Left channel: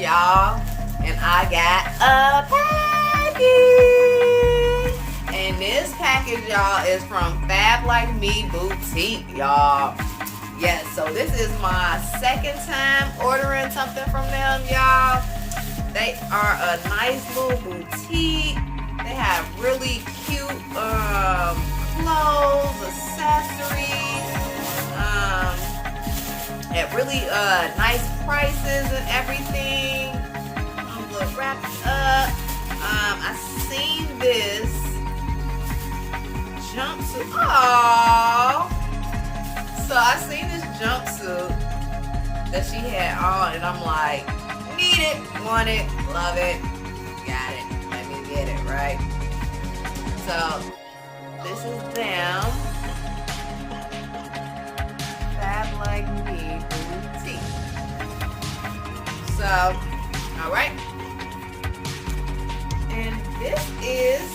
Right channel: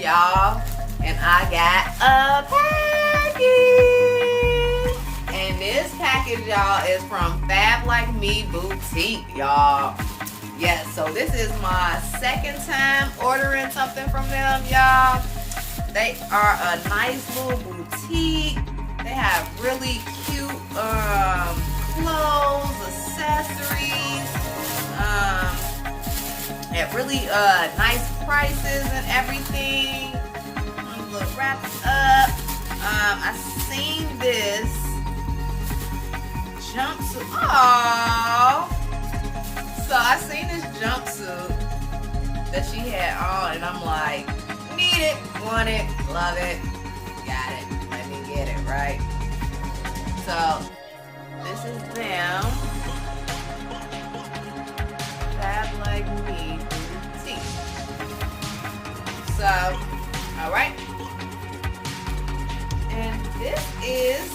y'all, and I got a package. And this package, y'all, is from Fab Like Me Boutique, y'all. Yes, so this is my second time ordering something from them, y'all. They are a nice little boutique. They have really cute clothes, accessories, at really nice prices and everything. I'm gonna wrap it up. I seen this jumpsuit. Oh, so I seen this jumpsuit that she had on, and I'm like, need it, want it, love it, got it. Let me get it, right? So this is them. Fab Like Me Boutique. So, all right. And this is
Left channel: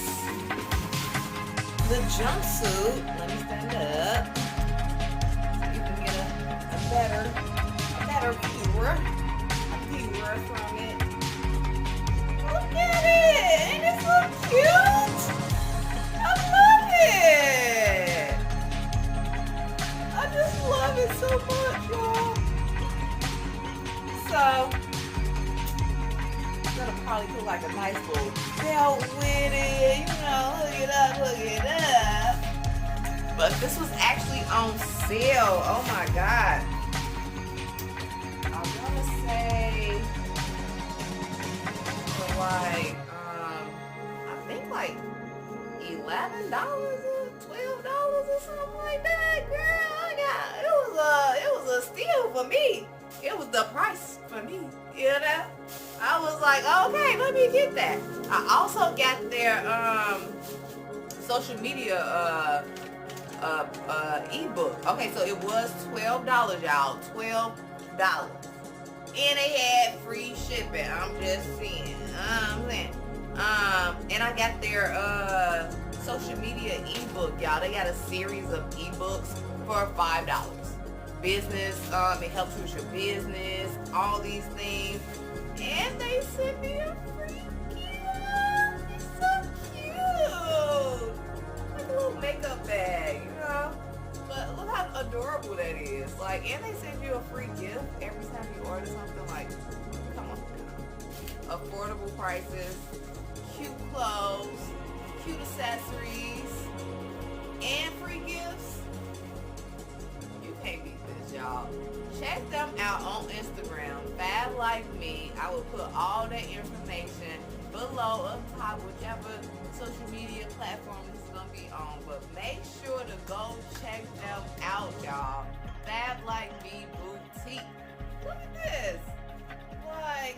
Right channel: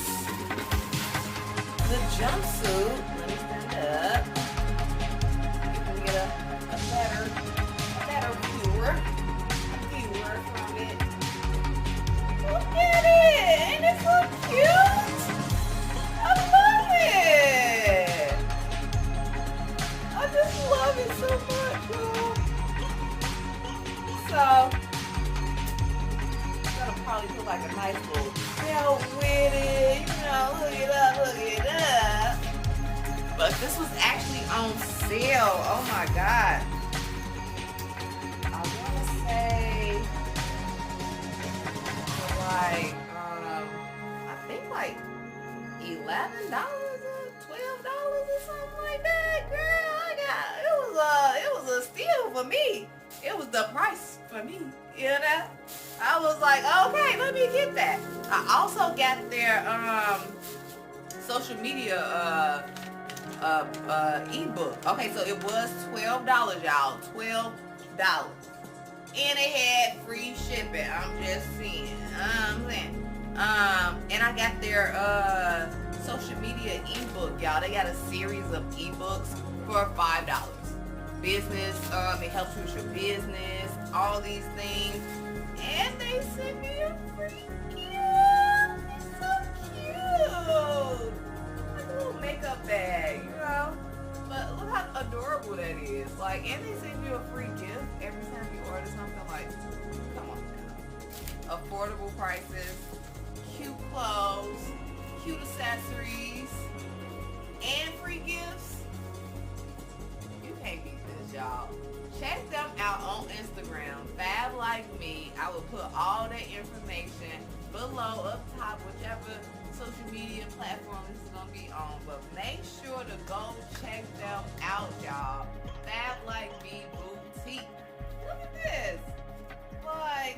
the jumpsuit. Let me stand up. You can get a better viewer from it. Look at it! Ain't it so cute? I love it! I just love it so much, y'all. So, I'm gonna probably put like a nice little belt with it, you know, hook it up. But this was actually on sale. Oh my God. I wanna say for like, I think like $11 or $12 or something like that, girl. It was a steal for me. It was the price for me, you know. I was like, okay, let me get that. I also got their social media ebook. Okay, so it was $12, y'all. $12, and it had free shipping. I'm just saying. And I got their social media ebook, y'all. They got a series of ebooks for $5. Business, it helps you with your business, all these things. And they sent me a free gift. It's so cute. Like a little makeup bag, you know. But look how adorable that is. Like, and they send you a free gift every time you order something. Like, come on now. Affordable prices, cute clothes, cute accessories, and free gifts. You can't beat this, y'all. Check them out on Instagram, Fab Like Me. I will put all that information below, up top, whichever social media platform this is gonna be on. But make sure to go check them out, y'all. Fab Like Me Boutique. Look at this. Like,